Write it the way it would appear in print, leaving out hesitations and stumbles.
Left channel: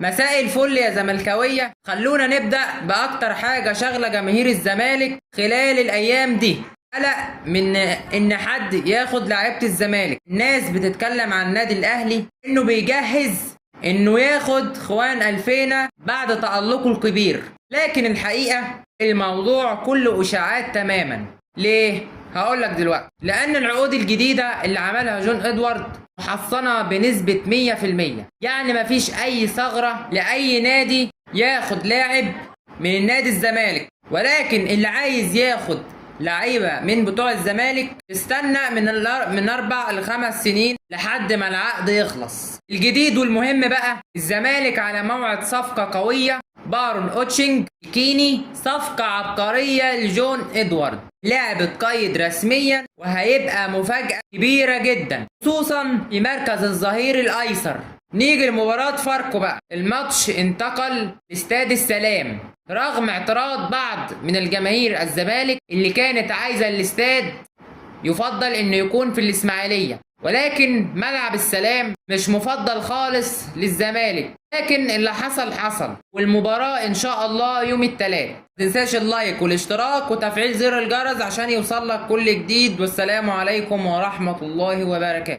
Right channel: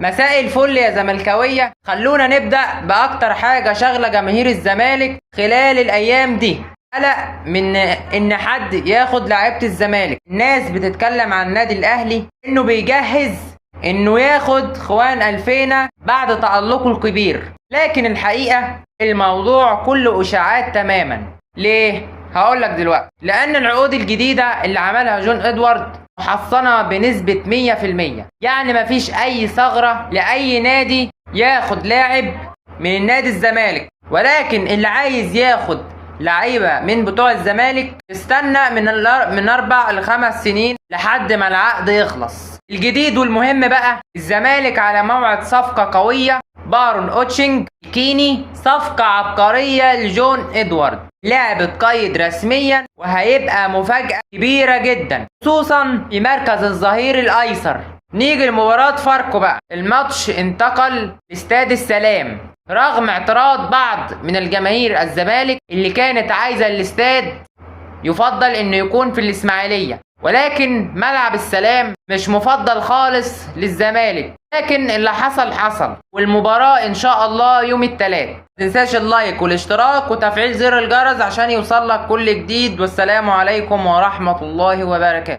مساء الفل يا زملكاوية. خلونا نبدأ بأكتر حاجة شاغلة جماهير الزمالك خلال الأيام دي، قلق من إن حد ياخد لعيبة الزمالك. الناس بتتكلم عن النادي الأهلي إنه بيجهز إنه ياخد خوان ألفينا بعد تألقه الكبير، لكن الحقيقة الموضوع كله إشاعات تماما. ليه؟ هقولك دلوقتي. لأن العقود الجديدة اللي عملها جون إدوارد محصنة بنسبة 100%، يعني مفيش أي ثغرة لأي نادي ياخد لاعب من النادي الزمالك، ولكن اللي عايز ياخد لعيبة من بتوع الزمالك استنى من 4 ل5 سنين لحد ما العقد يخلص. الجديد والمهم بقى، الزمالك على موعد صفقة قوية، بارون اوتشنج كيني، صفقة عبقرية لجون ادوارد، لاعب اتقيد رسميا وهيبقى مفاجأة كبيرة جدا، خصوصا في مركز الظهير الايسر. نيجي لمباراة فاركو بقى. الماتش انتقل لاستاد السلام رغم اعتراض بعض من الجماهير الزمالك اللي كانت عايزة الاستاد يفضل انه يكون في الاسماعيلية، ولكن ملعب السلام مش مفضل خالص للزمالك. لكن اللي حصل حصل، والمباراة ان شاء الله يوم الثلاث. متنساش اللايك والاشتراك وتفعيل زر الجرس عشان يوصلك كل جديد، والسلام عليكم ورحمة الله وبركاته.